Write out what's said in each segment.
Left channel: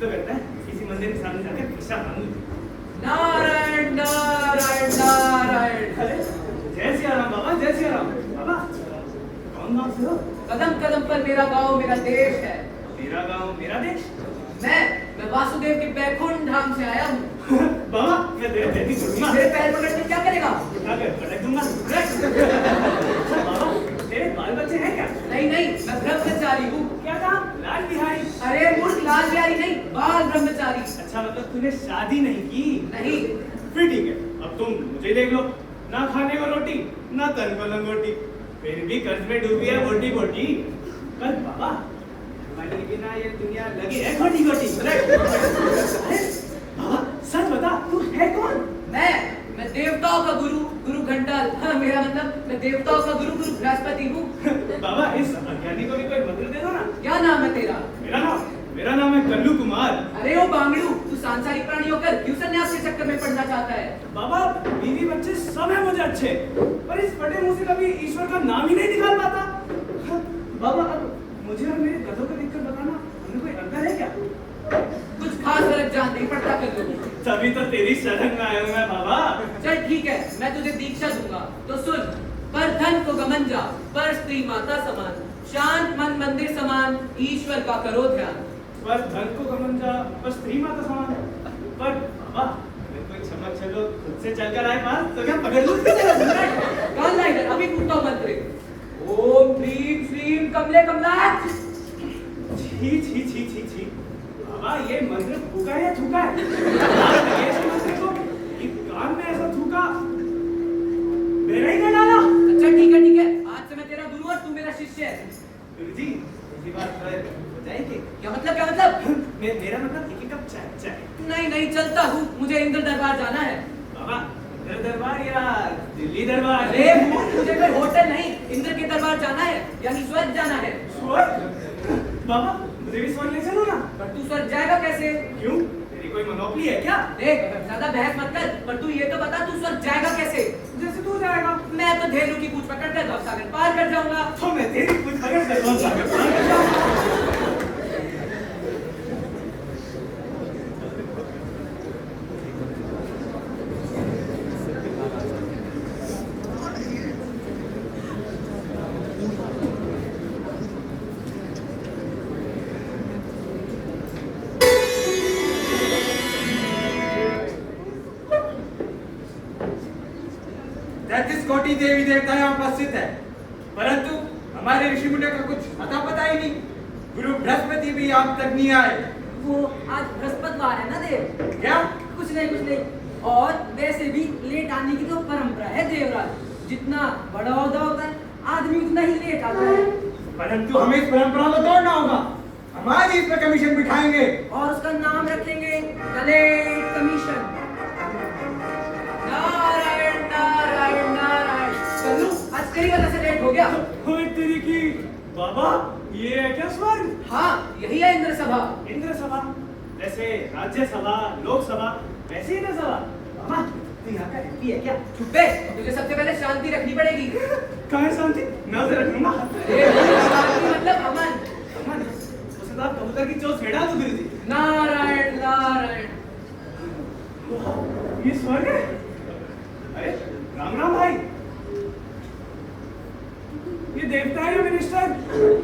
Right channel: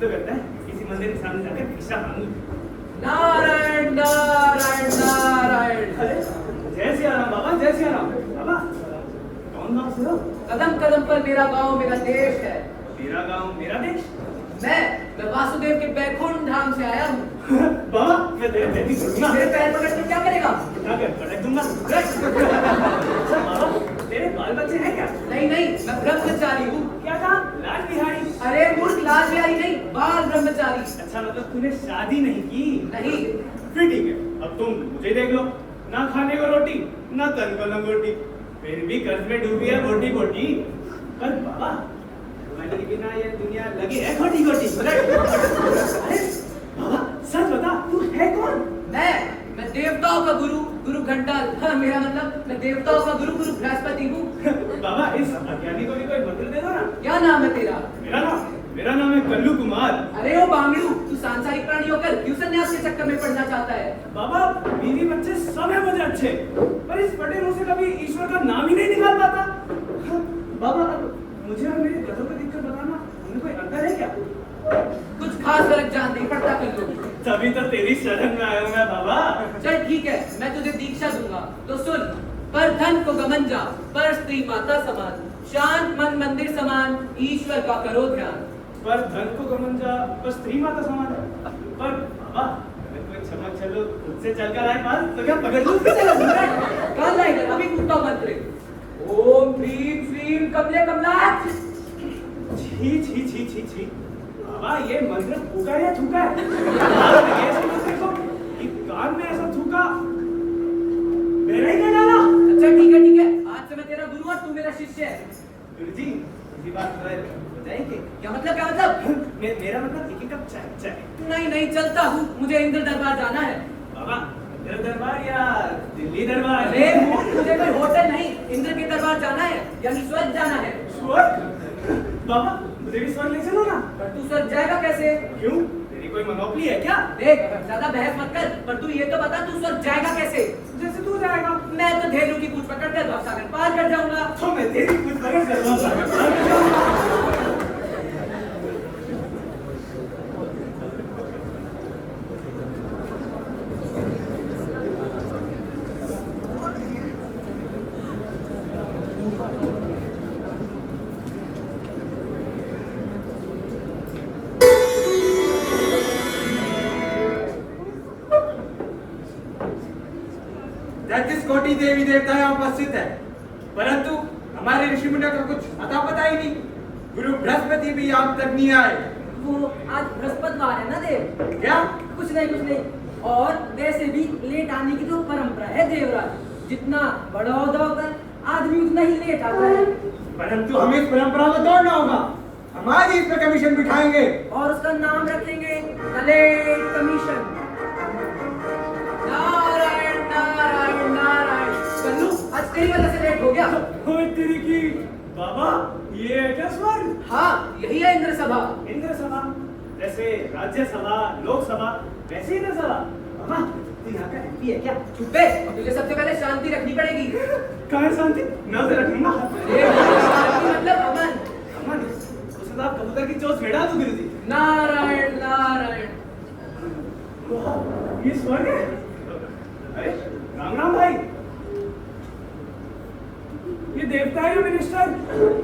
तो करता है किसी मंदिर के सामने जाकर भिक्षा मांगू। नारायण नारायण नारायण। अरे जय सिया राम बाबा, जय सिया राम बाबा। कौन गाँव से हो? कदम कदम पर मेरा गांव मेरा देश है। मेरा गाँव मेरा देश? मैं वासुदेव के बैकुंठ धाम से आया हूँ। बाबा मैं तेरे पैर नहीं छोड़ूंगा। मेरे पैर पकड़ के क्या करेगा? उठा कर पटक दूंगा। अच्छा बाबा, तेरे बाल बच्चे हैं क्या? नहीं नहीं, मैं ब्रह्मचारी हूँ। क्या कहा? लाल बिहारी? अरे मूर्ख, लाल बिहारी नहीं, बाल ब्रह्मचारी। अच्छा मतलब तूने शादी नहीं की? नहीं। फिर ठीक है, अब तुम मुझे देख लो, ना खाने को रोटी ना तन को लंगोटी, फिर भी कर्ज में डूबी है बोटी बोटी। पर बाबा तुम्हारे बिना ये दुनिया लगी है खोटी खोटी। अरे बाबा सच बता, तू है कौन? मैं देवताओं का गुरु, गुरु घंटाल। हाँ, मेरा मतलब मैं देवताओं का गुरु, गुरु बृहस्पति हूँ। बाबा इस अज्ञानी को भी कोई मंत्र दे दो ना। क्या नाम है तेरा? मेरा नाम है कल्लू कुमार। अरे ओ बांगड़ू, तू सांसारिक प्राणी होकर क्यों सन्यास के चक्कर में पड़ना चाहता है? बाबा बीवी बच्चे सब है मुझे अच्छे, पर इस फटे मुंह से कभी ईश्वर का नाम ही नहीं निकाल पाता। बाबा अब मुझे और मेरे गधों को देखकर बताना, इनमें कोई अंतर है क्या? कुछ खास फर्क जान नहीं पड़ता कर लो। तभी तो तेरी शरण में आया हूं मैं बाबा। चल ठीक है, मैं तुझे दीक्षा दूंगा। तो सुन, पर धन को गमन जा, पर स्त्री माता समान, शांत मन मंदिर समान, ईश्वर का करो ध्यान। पर धन को गमन जा, पर स्त्री माता समान है। पर बाबा अगर कोई क्षमा चलो खुद से चलकर आए पास तो क्या पकड़ लूं? काल ला इधर, अभी पूछता हूँ मंत्र। ओम ह्रीम श्रीम कमले कमलाक्ष। छी छी छी छी छी। बाबा ये मंत्र फूका है या थूका है? ऐसे मंत्र को कि कान में ऐसा थूका मेरा ही ना डाला। अच्छा ठीक है, आज से मैं तेरा गुरु और तू मेरा शिष्य है। गुरुजी इसी बात पर बताएंगे? क्या मतलब? मेरा मतलब एक कप चाय। नहीं चलता हूँ, मुझे इंद्र दरबार जाना है। बाबा इंद्र दरबार या दिल्ली दरबार? अरे मुझे कोई होटल नहीं, इंद्र के दरबार जाना है, यानी स्वर्ग जाना है। स्वर्ग? बाबा मुझे भी स्वर्ग ले चलो ना। पर तू स्वर्ग जाएगा कैसे? क्यों, तेरी कोई मनोपली है क्या? देख ज्यादा बहस मत कर, पर तू ये तो बता तू स्वर्ग जाएगा कैसे? जैसे तू जाएगा। मैं तो धेनु की पूंछ पकड़ कर भवसागर पार कर जाऊंगा। तो मैं तेरी पूंछ पकड़ कर भवसागर पार कर जाऊंगा। कोटि देवी देवता यहाँ उपस्थित है, परंतु हमारे ऋषि मुनियों का कुछ अता पता ही नहीं। गुरु बृहस्पति भी यहाँ तक नहीं आए। वो आज बृहस्पतिवार है ना देव? क्या? कुछ नहीं। और वैसे भी लेट आने की तो परंपरा है देवराज। जितना बड़ा होता होगा आदमी उतना ही लेट आता है। परंतु हमें इस परंपरा को तोड़ना होगा। हम आज इस पर कमीशन बिठाएंगे और उसका नाम रखेंगे कलेक्ट कमीशन। नारायण नारायण नारायण। कल्लू आज तेरी वजह से लेट हो गया। ओए तेरी की बाबा, ये है क्या स्वर्ग? हाँ यही है इंद्र सभा। इंद्र सभा जैसे राज्यसभा लोकसभा वैसे इंद्र सभा। बाबा तू यहाँ का एमपी है क्या? चुप बे, तुझे सबसे पहले शांति रखनी पड़ेगी। कहाँ है शांति? मैं उसे रखूंगा। अरे शांति मतलब अमन। अमन? उसके साथ कबूतर की चोंच फेंटा दो गुरुजी। नारायण नारायण। ये स्वर्ग है? अरे राम राम भाई, ये देवता है या मिनिस्टर?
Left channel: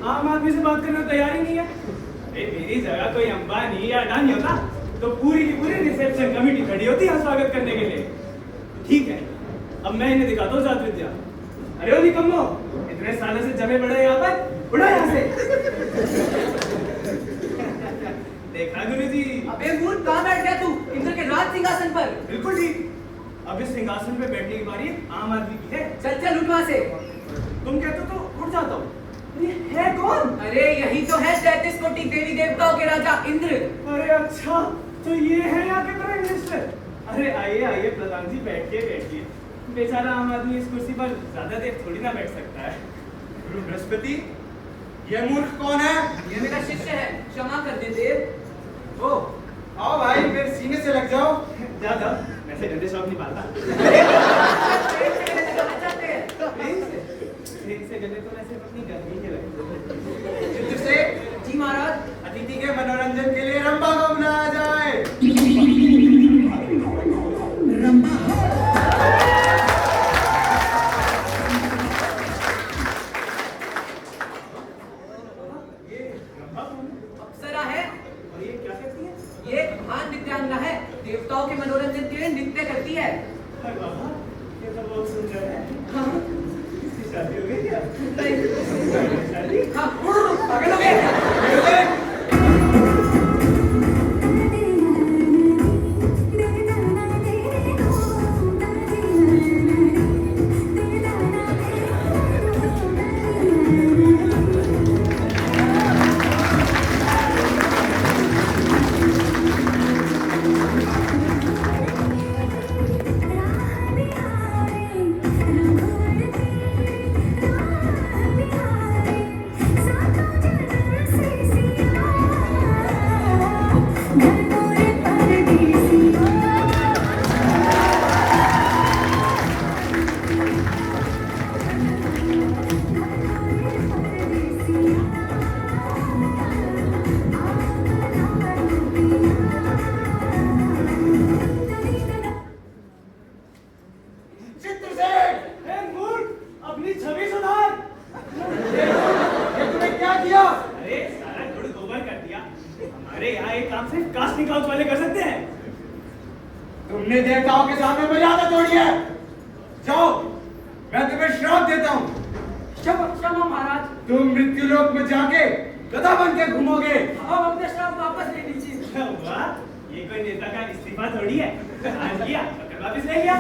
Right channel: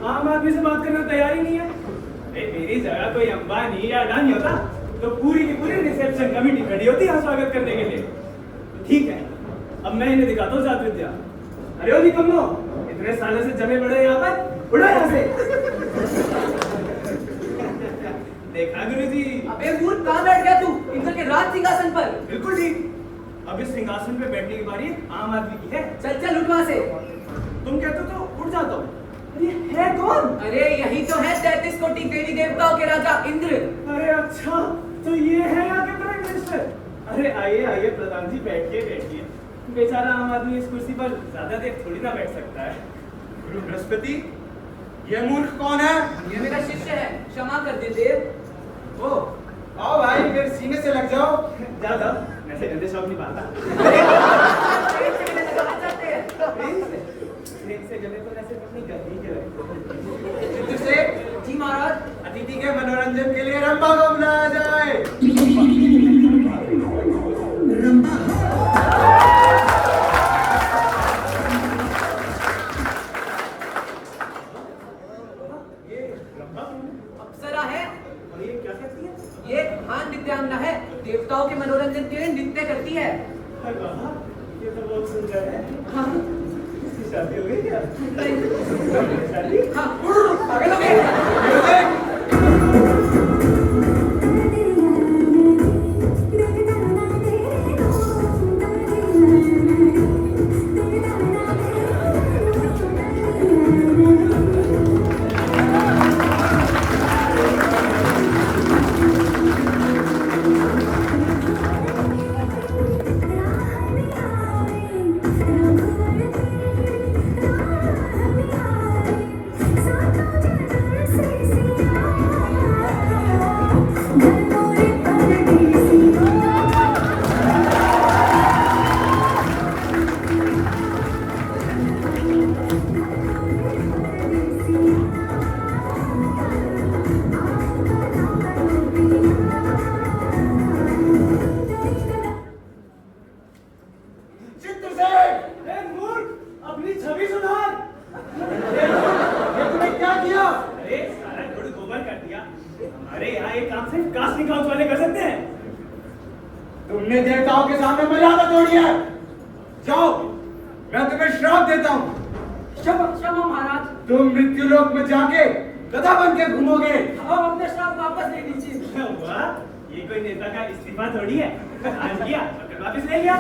आम आदमी से बात करने को तैयार ही नहीं है। मेरी जगह कोई अंबानी या अडानी होता तो पूरी की पूरी रिसेप्शन कमेटी खड़ी होती है स्वागत करने के लिए। ठीक है, अब मैं इन्हें दिखाता हूँ जात विद्या। अरे ओ निकम्मो, इतने सालों से जमे बड़े यहाँ पर, उड़ो यहाँ से। देखा गुरुजी? अबे मूर्ख, कहाँ बैठ गया तू? इंद्र के राज सिंहासन पर। बिल्कुल ठीक। अब इस सिंहासन पे बैठने की बारी आम आदमी की है। चल उठ वहाँ से। तुम कहते हो तो उठ जाता हूँ। ये है कौन? अरे यही तो है 33 कोटि देवी देवताओं के राजा इंद्र। अरे अच्छा, तो ये है यहाँ के प्राइम मिनिस्टर। अरे आइए प्रधान जी, बैठिए। बेचारा आम आदमी इस कुर्सी पर ज्यादा देर थोड़ी ना बैठ सकता है। गुरु बृहस्पति, ये मूर्ख कौन है? ये मेरा शिष्य है, क्षमा कर दे देव। ओ आओ भाई, मेरे सीने से लग जाओ। जा वैसे गंदे शौक नहीं पाता। प्रेम से गले तो वैसे अपनी गर्मी के लगते। चित्त से जी महाराज। अतिथि लड़की के मनोरंजन के लिए रंभा को बुलाया जाए। ये रंभा कौन है? अप्सरा है। और ये क्या करती है? ये महान नृत्यांगना है, देवताओं के मनोरंजन के लिए नृत्य करती है। अरे वाह, ये तो बहुत सुंदर है। हाँ इसकी शादी हो गई क्या? नहीं शादी? हाँ पागल हो गए क्या? म्यूजिक। चित्रसेन, ए मूर्ख, अपनी छवि सुधार। ये तूने क्या किया? अरे सारा गुड़ गोबर कर दिया। हमारे यहाँ एक काम सिर्फ कास्ट निकाउट वाले कर सकते हैं। तुमने देवताओं के सामने मर्यादा तोड़ी है। जाओ, मैं तुम्हें श्राप देता हूँ। क्षमा महाराज, तुम मृत्युलोक में जाके गधा बन के घूमोगे। अब अपने श्राप वापस ले लीजिए। क्या हुआ? ये कोई नेता का इस्तीफा थोड़ी है। आज किया, पकड़ वापस ले लिया।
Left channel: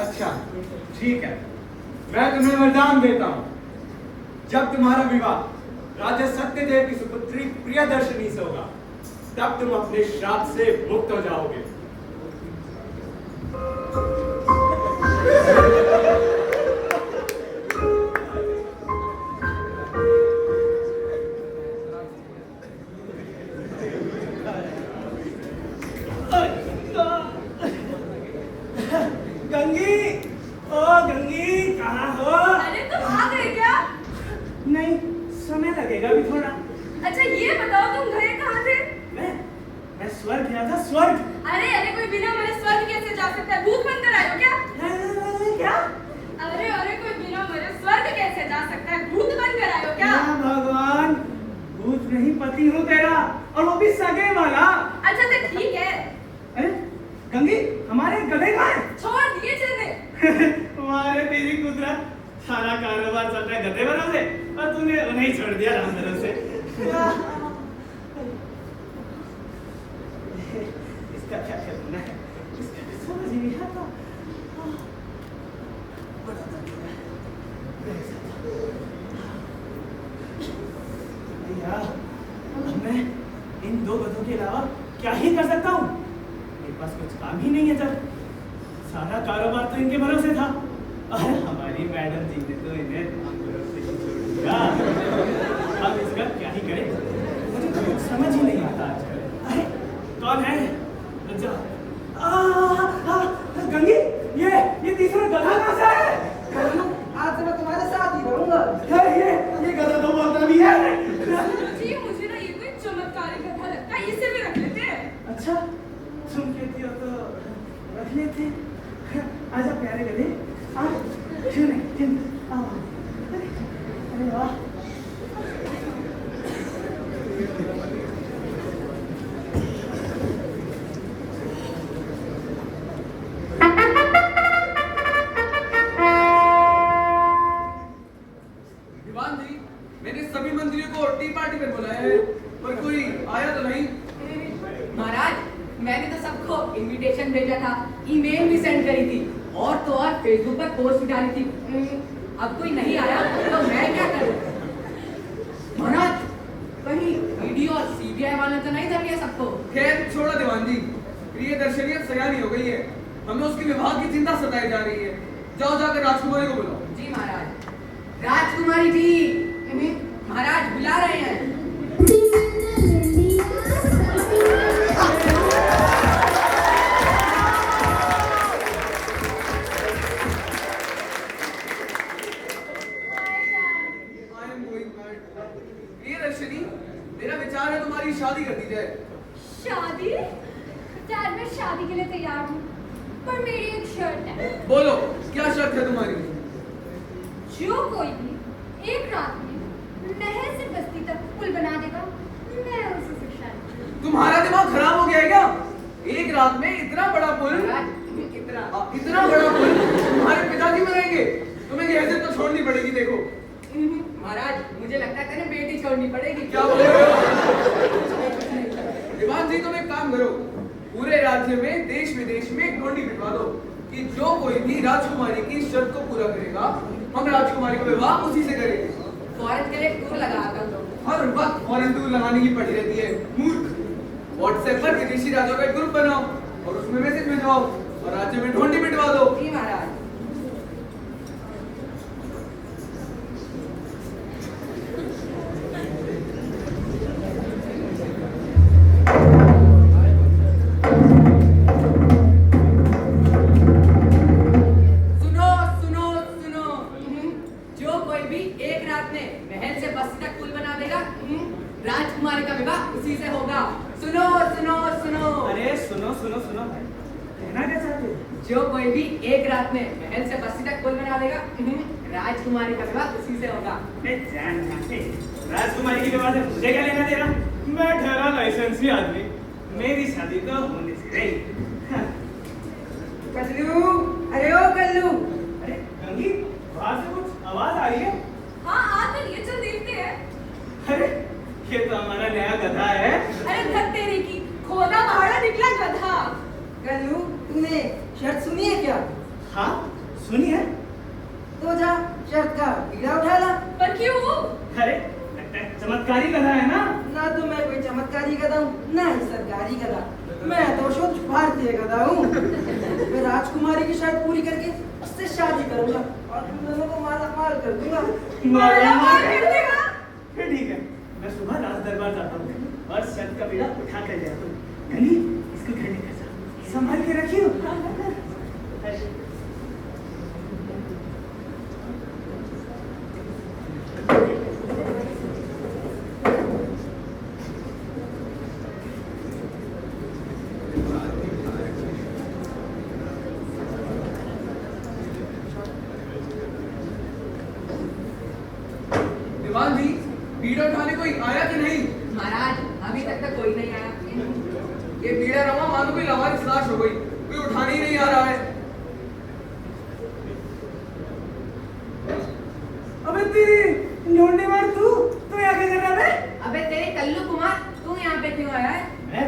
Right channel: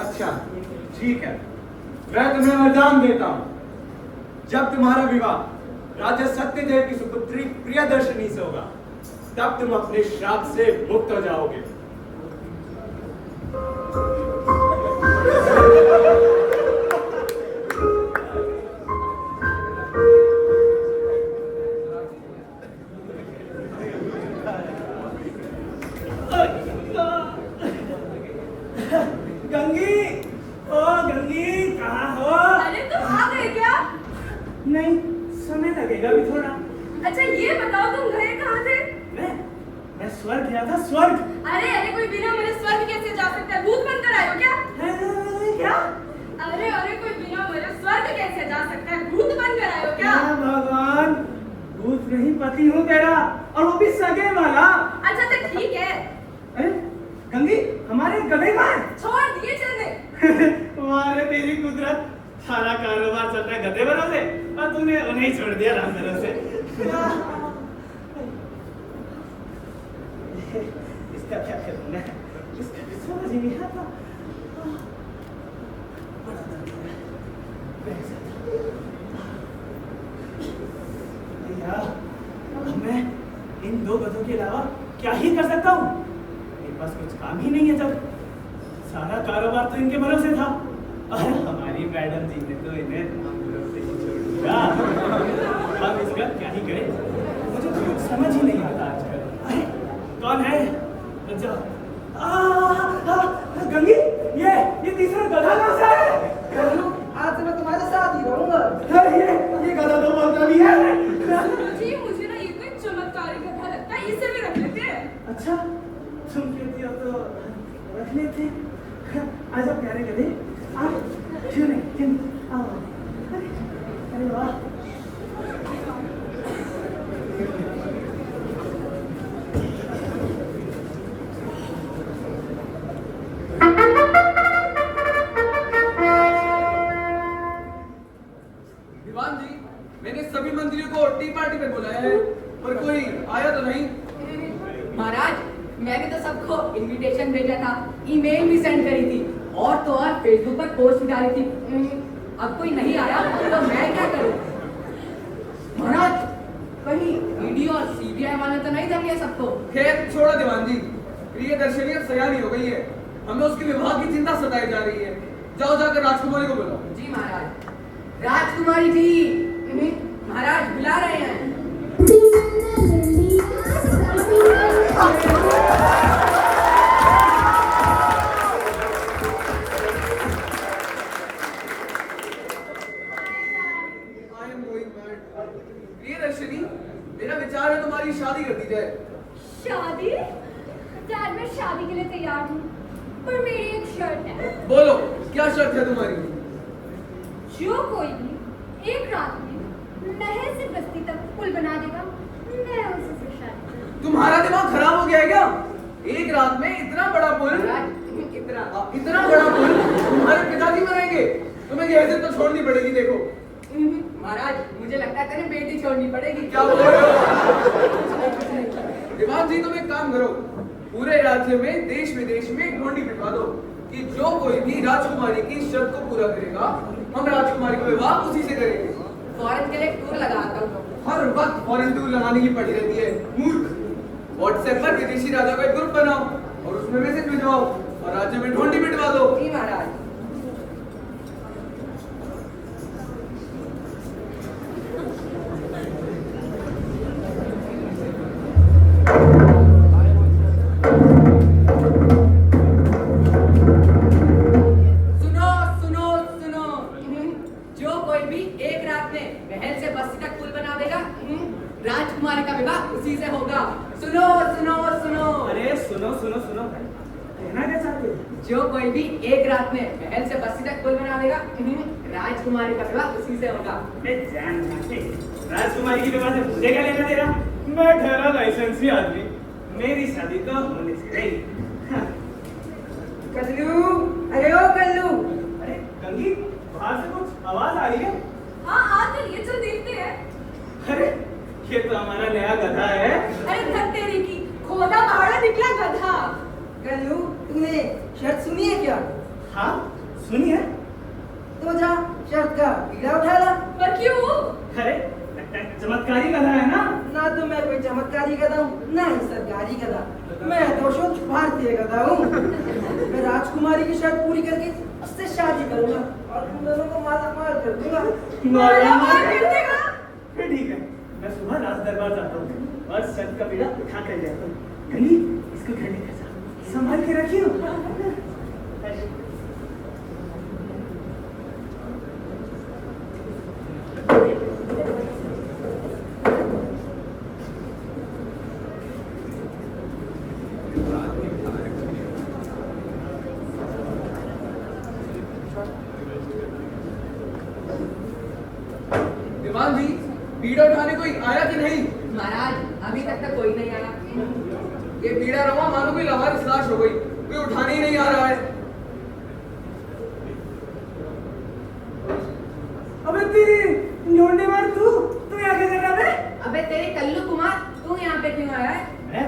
अच्छा, ठीक है, मैं तुम्हें वरदान देता हूँ। जब तुम्हारा विवाह राजा सत्यदेव की सुपुत्री प्रियदर्शनी से होगा, तब तुम अपने श्राप से मुक्त हो जाओगे। गंगी, ओ गंगी, कहाँ हो? अरे तुम आ गए क्या? नहीं, समय लगेगा भी थोड़ा। अच्छा ये बताओ तुम गए कहाँ थे? मैं स्वर्ग गया था, स्वर्ग। अरे कोई बिना मरे स्वर्ग कैसे जा सकता है? भूत बनकर आए हो क्या? क्या? अरे कोई बिना मरे स्वर्ग कैसे जा सकता है? भूत बनकर आए हो क्या? या भगवान, भूत नहीं पति हूँ तेरा, और वो भी सगे वाला। अच्छा तो ठीक है, अरे गंगी, हमारे गधे कहाँ हैं? छोड़ दिए चलने। तुम्हारे तेरी कुदरत, सारा कारोबार चल रहा है गधे भरोसे और तूने उन्हें ही छोड़ दिया राम भरोसे। इसका क्या करना है? इसका भी समझ ही नहीं आता। बड़ा दर्द हो रहा है। भैया, अब मैं इन दो गधों के अलावा क्या ही कर सकता हूँ? मेरे पास कुछ काम ही नहीं है। जब सारा कारोबार तो इनके भरोसे था, और हमारी मैडम जी ने तो इन्हें हम भरोसे ही छोड़ दिया। हम इसका क्या ही करें? मुझे तो कुछ समझ ही नहीं आता आजकल। अरे कौन है? अच्छा, गंगी, ये तीसरा गधा कहाँ से आया है? आज से मैं तुम्हारे साथ ही रहूंगा। अरे ये गधा तो बोलता भी है। जी मुझे ना ये कोई चमत्कारी कथा लगता है, इसे भी रख लेते हैं। अच्छा, तुम कहती हो तो रख लेते। आजा प्यारे गधे, आ, क्यों नहीं, क्यों नहीं, आओ। अरे वाह, दीवान जी, मैंने सभी मंत्रियों को टी पार्टी पे बुलाया है, पर कोई आया तो नहीं। महाराज, मैंने तो सबको इनविटेशन भेजा था, ईमेल भी सेंड करी थी, और तो और फेसबुक पर पोस्ट भी डाली थी। अब कोई नहीं आया तो मैं क्या करूं? महाराज, कहीं ईडी और सीबीआई वाले तो नहीं धर लिया सबको? खैर छोड़ो दीवान जी, प्रियदर्शनी अब सयानी हो गई है, हमें उसके विवाह की चिंता सताई जा रही है। जाओ जाकर राजकुमारी को बुलाओ। जी महाराज। राजकुमारी जी, महाराज बुला रहे हैं। प्रियदर्शनी, मेरा विचार है तुम्हारी शादी कर दी जाए। शादी? डैड मैं शादी के लिए तैयार हूँ, पर मेरी एक शर्त है। बोलो क्या शर्त है तुम्हारी? जो कोई भी एक रात में नहर से बस्ती तक पुल बना देगा, मैं उसी से शादी करूँगी। तुम्हारा दिमाग खराब हो गया है क्या? एक रात में इतना बड़ा पुल, इतना बड़ा पुल तुम्हारे पिताजी बनाएंगे? तुम्हें ये हैसियत तो छोड़नी पड़ेगी। देखो महाराज मुझे लगता है तेरे बेटी छोड़नी पड़ेगी। क्या बोल रहे हो? दीवान जी तुम एक काम करो, पूरे राज्य में देश विदेश में एक ढोंडी पिटवा दो कि जो कोई भी राजकुमारी की शर्त को पूरा करेगा, हम राजकुमारी का विवाह उसी से करेंगे। फॉरेन के लिए एक टूर लगाता हूँ। हर वक्त फॉरेन टूर लगाने की पड़ी रहती है, मूर्ख। व्हाट्सएप पर विदेशी राजा का एक ग्रुप बनाओ और उसमें मैसेज भिजवाओ और राज्य में ढोंडी पिटवा दो। जी महाराज। सुनो सुनो सुनो, जो कोई भी एक रात में महल से बस्ती तक पुल बनावेगा, राजकुमारी का विवाह उसी से होगा। सुनो सुनो सुनो। अरे सुनो सुनो सुनो भाई, कहना क्या चाहते हो? जो कोई भी एक रात में महल से बस्ती तक पुल बनावेगा, राजकुमारी का विवाह उसी से होगा। मैं जान मानते, राजकुमारी की विवाह से मुझे क्या लेना देना? मैं ठहरा लाइसेंसी आदमी, मेरी शादी तो होने से रही। हाँ। कल्लू, अरे ओ कल्लू, अरे गंगी, बाहर से कुछ आवाज आ रही है। हाँ आ तो ये चल देखते हैं। अरे ये तो हमारा नया गधा है। अरे धत तेरी की, खोदा भाड़ा निकला गधा। कल्लू तूने शर्त सुनी है क्या? हाँ सुनिए। तो जा शर्त का बीड़ा उठा ला। पर क्यों? अरे लगता है चमत्कारी गधा है ना? ना तो मैं कोई चमत्कारी गधा हूँ, ना ही सरकारी गधा। मैं तो शुद्ध भारतीय गधा हूँ। मैं राजकुमारी की शर्त पूरी करके उससे शादी करूंगा और तुम दोनों को माला मार कर दूंगा। मारा मार कर देगा? फिर ठीक है, मैं सुबह राज दरबार जाता हूँ और शर्त का बीड़ा उठा कर ले आता हूँ। गंगी, इसको घर लेकर जा, संभाल के रखियो। दीवान जी बीड़ा उठाने कोई आया कि नहीं? महाराज अभी तक तो कोई नहीं आया। ये बीड़ा रवा मानो कोई लावारिस लाश हो गई, कोई उठाने ही नहीं आ रहा है। अबे तेरी ढूंढने मार तू यहाँ की जगह पे? अबे तेरे कल्लू कुमार, तू यहाँ पे क्यों आया है? मैं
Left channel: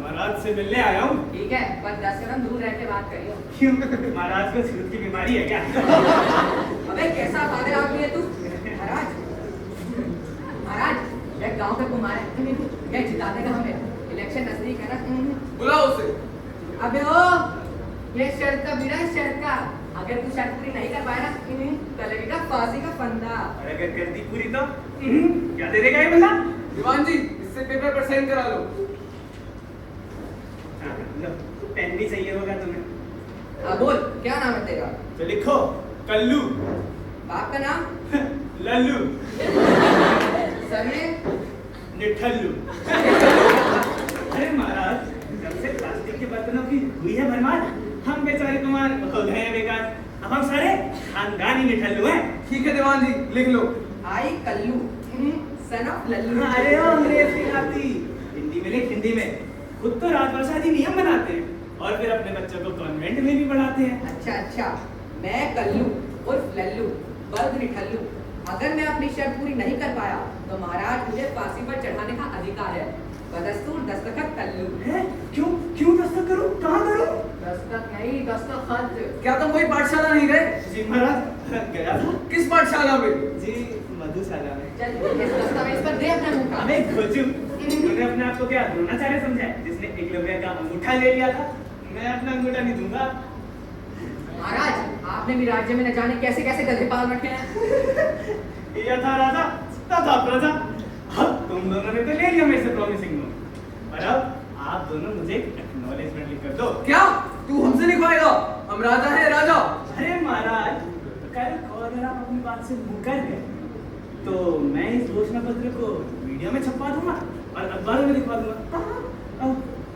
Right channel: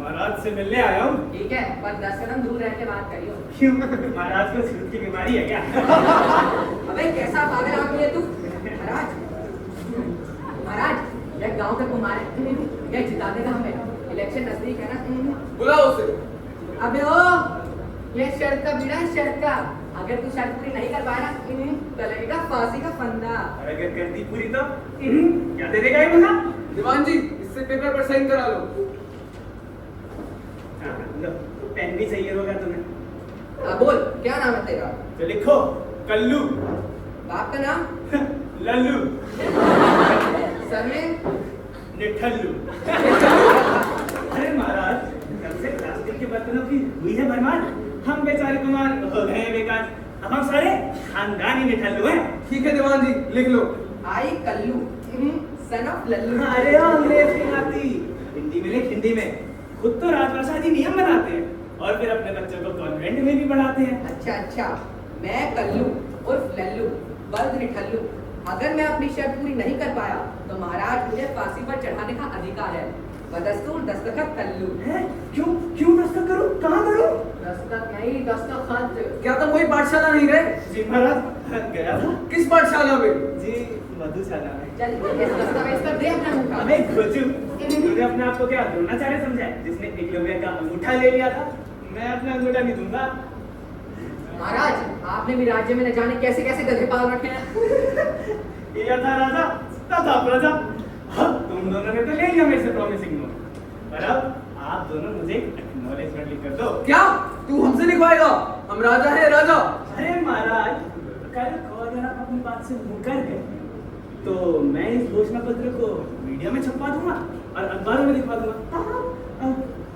महाराज से मिलने आया हूँ। ठीक है, पर 10 कदम दूर रह के बात करियो। क्यों, महाराज को छूत की बीमारी है क्या? अबे कैसा पागल आदमी है तू? महाराज, महाराज यह गांव के कुमार है, यह जिता देगा हमें। इलेक्शन नजदीक है ना। बुलाओ उसे। अबे ओ, यह शर्त का बीड़ा है, शर्त का। अगर तू शर्त पूरी नहीं कर पाया ना, तो लगेगा फांसी का फंदा। और अगर कर दी पूरी तो क्या दे देगा ये बंदा? दीवान जी इससे पेपर पर साइन करा लो। हाँ, लो, पेन भी चाहिए होगा तुम्हें। हाँ बोल, क्या नाम है तेरा? तो लिखो कल्लू। बाप का नाम? लल्लू। सरनेम? निठल्लू। अरे महाराज, कब से प्लास्टिक के बर्तनों की हुई है भरमार, हम बेचारे कुमार हो गए हैं बेकार। अब हम सारे खानदानी निठल्लू हैं। ठीक है दीवान जी लिख लो। आई कल्लू, सन ऑफ लल्लू। अरे अंग्रेज की खाती, हिंदी में लिख, हिंदी में। खुद तो राजभाषा नियम बनाते हैं और फिर अपने बच्चों को कॉन्वेंट में भी पढ़ाते हैं। अच्छा अच्छा, मैं कल्लू उर्फ लल्लू बर्द निठल्लू, अगर मैं अपनी शर्त पूरी नहीं कर पाया तो महाराज मुझे फांसी पर चढ़ाने का अधिकार है। बदस्तूर दस्तखत कल्लू। हैं? क्यों क्यों दस्तखत करूं? कहाँ करूं? दस्तखत नहीं, दस्तखत। क्या तुम कोई पाठशाला नहीं गए? जी महाराज, गया था। किस पाठशाला में? जी मधुशाला में। चल इस दस्तावेज पर दे अपना मुंह। अबे खोजू, तूने अपने आप को क्या द्रोणाचार्य समझा है जिसने एकलव्य का अंगूठा ले लिया था? मैं अपना अंगूठा नहीं दूंगा। महाराज, आपने भी राज्य में न जाने कैसे कैसे गधे पाल रखे हैं। ये था राजा, तथा प्रजा। अब तुम दोनों ने तो ले लिया मेरे से प्रॉमिसिंग नोट, पर अब आप दोनों मुझे एक्नॉलेजमेंट लिख कर दो। क्या तू हमसे लिखवाएगा? हम राजा हैं राजा। अरे महाराज, कल को अगर आप अपनी बात से मुकर गए तो मैं इस घोषणा पत्र को मीडिया मीडिया में छपवा दूंगा और अखबारों में दिखवा दूंगा,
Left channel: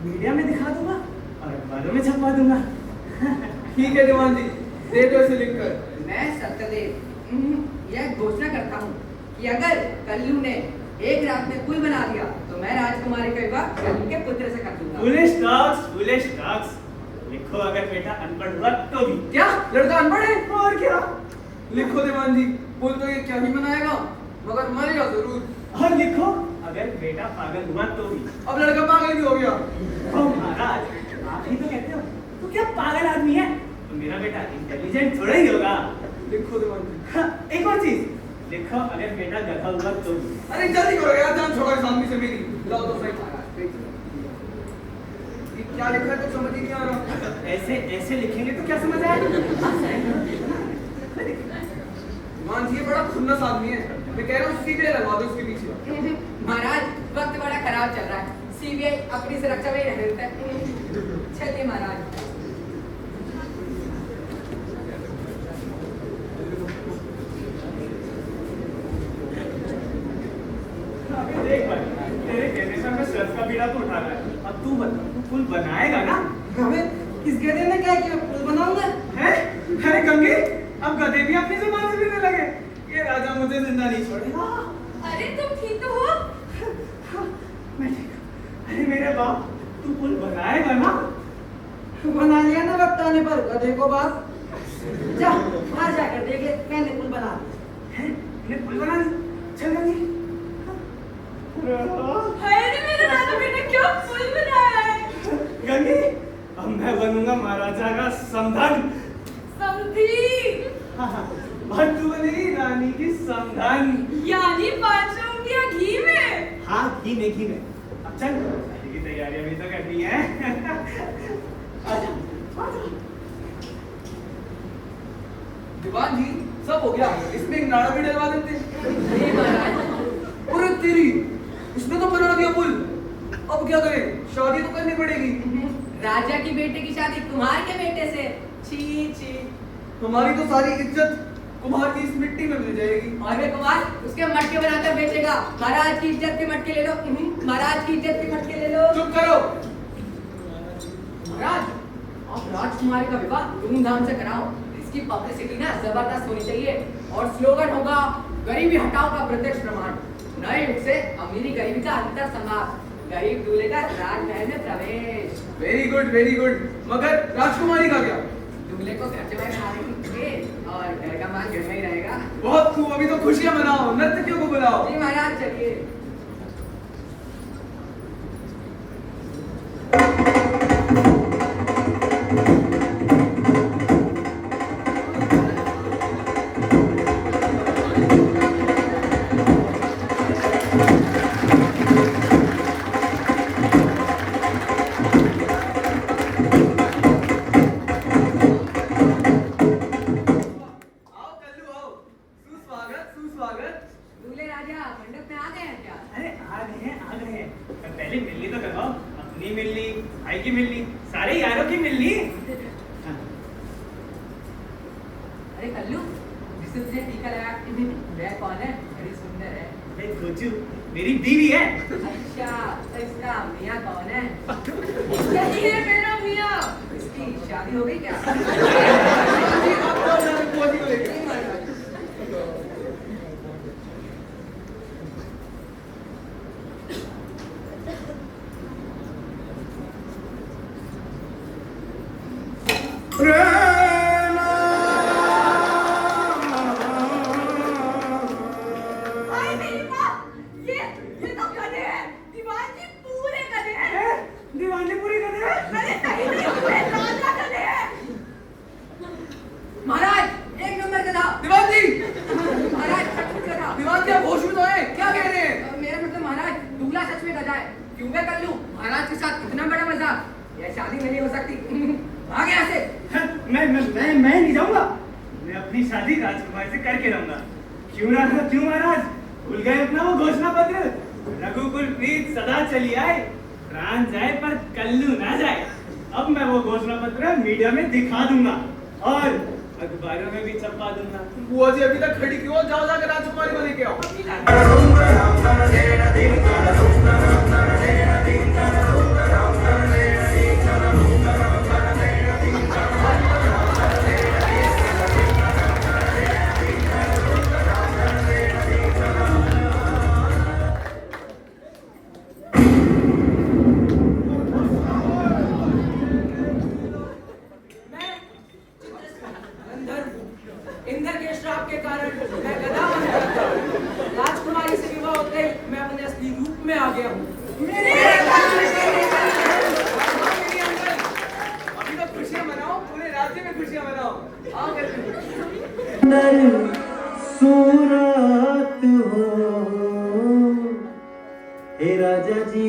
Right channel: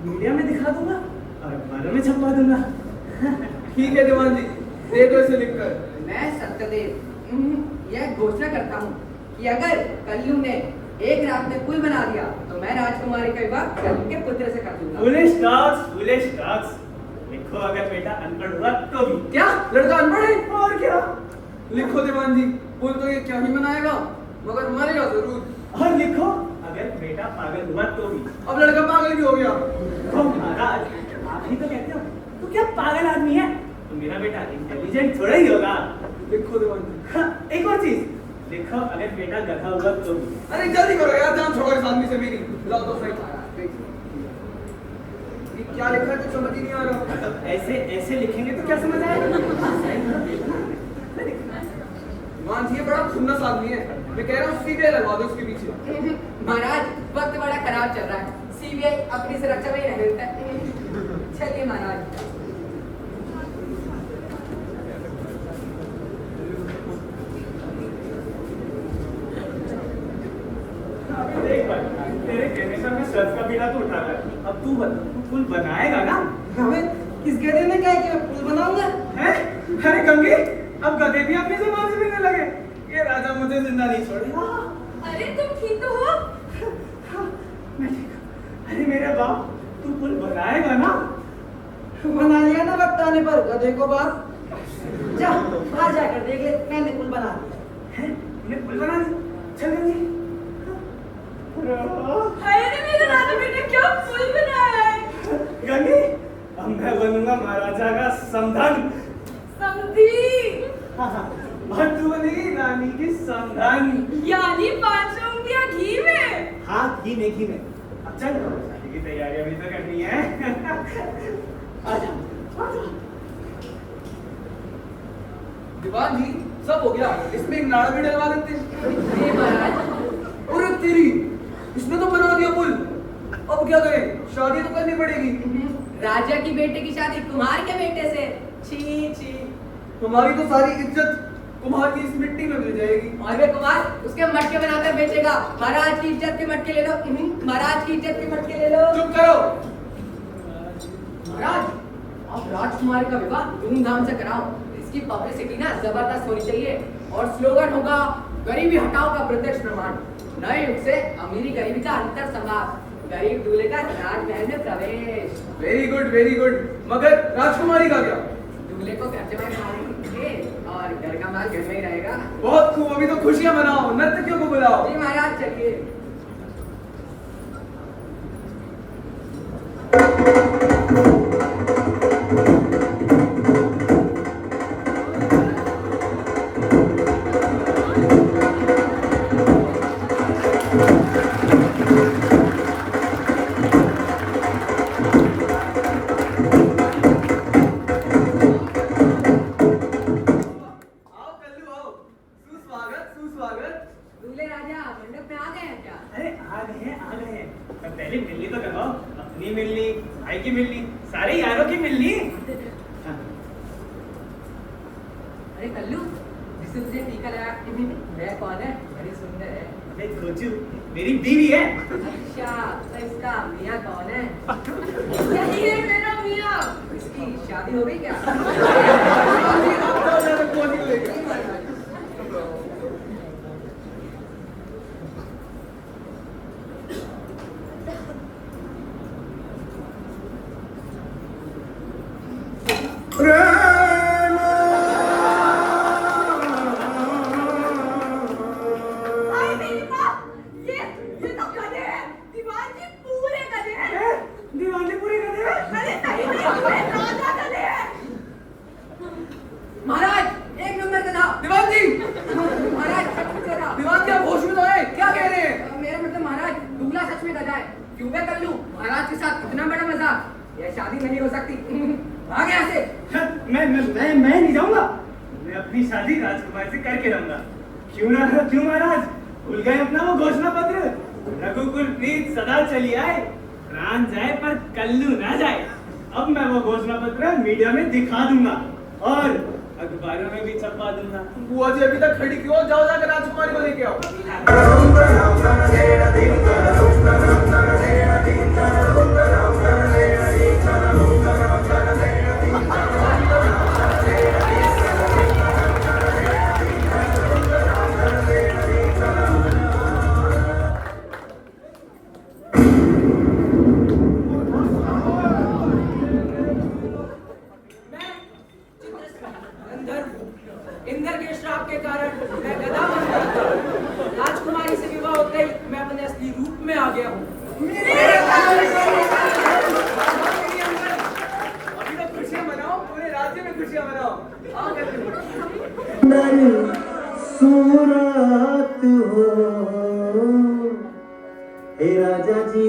मीडिया में दिखा दूंगा और अखबारों में छपवा दूंगा। ठीक है दीवान जी, दे दो इसे लिखकर। मैं सत्यदेव यह घोषणा करता हूँ कि अगर कल्लू ने एक रात में पुल बना दिया तो मैं राजकुमारी का विवाह कल्लू के पुत्र से कर दूंगा। Foolish dogs. लिखो अगर बेटा अनपढ़ हुआ तो भी। क्या लड़का अनपढ़ है? और क्या? लिखो दीवान जी, पुल तो ये क्या ही बनाएगा, मगर मरेगा जरूर। और लिखो अगर बेटा पागल हुआ तो भी। अब लड़का पागल भी हो गया। ओ महाराज, आप ही तो कहते हो तू क्या पागल आदमी है, तो मेरा बेटा इंटेलिजेंट थोड़ा ही होगा। लिखो दीवान जी। हाँ, एक और चीज लिखो अगर बेटा गधा हुआ तो भी। अरे जल्दी करो यार, जान छोड़ो इस आदमी से मेरी। लाओ तो सही। ये क्या लिखा है, कुछ समझ ही नहीं आ रहा। ऐसे ऐसे लिखेंगे तो क्या समझ आएगा? दीवान जी ये बड़ा खुन्नस आदमी है, मैं कह रहा हूँ सीधे लगा दो उसके पीछे। महाराज वक्त बड़ा खराब चल रहा है, सीबीआई अपनी सुरक्षा में ही रह रहता है। चलिए महाराज। देख भाई, तेरे कहने पर मैं सर्फ का बीड़ा तो उठा रहा है। अब तू बता, तू पुल बनाएगा ना? हमें किस गधे ने क्या कि मैं पुल बनाऊंगा? हैं? अरे गंगे, अब गधे भी अपनी जुबान से पीने लगे। ये राजा मुझे जिंदा नहीं छोड़ेगा। अरे तुम ठीक तो हो? मैं ठीक हूँ। अरे मेरे बाप, तू पुल बनाएगा ना? बना लिया ना वक्त आने पर गधे को बात। जा बाहर जाकर देख ले, मैंने पुल बना दिया। हैं? तूने पुल बना दिया? चल गंगे। अरे मेरे राजा बेटे क्या पुल बनाया है? गंगे, अब मैं बनूंगा महाराजा का समधन। समधी। हाँ, और तू बनेगी रानी की समधन। यानी 500 उंगलियां घी में। हाँ, घी में। अब चल, शादी की तैयारियां भी तो करनी है। आजा, आजा। दीवान जी सब हो गया, इसमें एक नाड़ा भी डलवा देते। जी महाराज। अरे तेरी, इसमें तो बना दिया पुल। अब क्या करें, शादी तो करनी पड़ेगी। राजा की बेटे की शादी कुमार के बेटे से। छी छी। हमारी तो सारी इज्जत कुमार की इस मिट्टी में मिल जाएगी। और वे कुमार उसके मटके बनाकर बेचेगा। महाराज की इज्जत के मटके ले लो। महाराज की इज्जत के मटके ले लो। चुप करो। महाराज अब राजकुमारी का विवाह धूमधाम से कराओ। इसकी पब्लिसिटी ना जबरदस्त होनी चाहिए और स्लोगन होगा गरीबी हटाओ का प्रत्यक्ष प्रमाण। नए युग से अमीरी गरीबी का अंतर समाप्त। गरीब दूल्हे का राजमहल में प्रवेश। Very good. मगर राजकुमारी का क्या? दूल्हे को घर जमाई बना देंगे और घर का माल घर में ही रहेगा। बहुत खूब, अभी तो खुशियां मनाओ, नर्तकियों को बुलाओ। जी महाराज चलिए। सुस्वागत। दूल्हे राजा मंडप में आ गए हैं क्या? अरे आ गए हैं। पर पहले मिलनी तो करवाओ। अपनी मिलनी, भाई की मिलनी, सारे यारों की मिलनी। अरे कल्लू जिससे तुझे टीका लगा वह कौन है? बड़ी सुंदर है। अरे खोजू, मेरी बीवी है। अच्छा तो इसका मियाँ कौन है? यही है मेरा मियाँ। इसकी शादी हो गई क्या? जी, आप तो ज़्यादा खोजी को लेकर। हाय मेरी माँ, ये तो गधे हैं। दीवान जी पूरे गधे हैं। दीवाने पूरे गधे। अरे नहीं पूरे राजा गधे हैं। महाराज एक नंबर का था। दीवान जी, महाराज सचमुच का था। दीवान जी आप होश में तो आए, क्या कह रहे हैं? मेरा मतलब महाराज दूल्हा सच में गधा है। क्यों मैं कर लूं महाराज के साथ इतना बड़ा मजाक? यह शादी नहीं हो सकती। भाग यहाँ से। मैं नहीं जाऊंगा। मैं अपनी शादी राजकुमार से करके रहूंगा। क्यों महाराज, भूल गए अपना वो घोषणा पत्र? रघुकुल प्रीत सदा चली आए, प्राण जाए पर कल्लू ना जाए। अब मैं वो घोषणा पत्र मीडिया में दिखा दूंगा और अखबारों में भी छपवा दूंगा। बुआ जी अभी तक खड़ी क्यों? जाओ जाकर राजकुमारी को लेके आओ। Ding असली रूप में आ गया हूँ। अभी तो खुशियां मनाओ, पूरे राज्य में खुशियां मनाओ। आओ करके सूरत हो हे राजा जी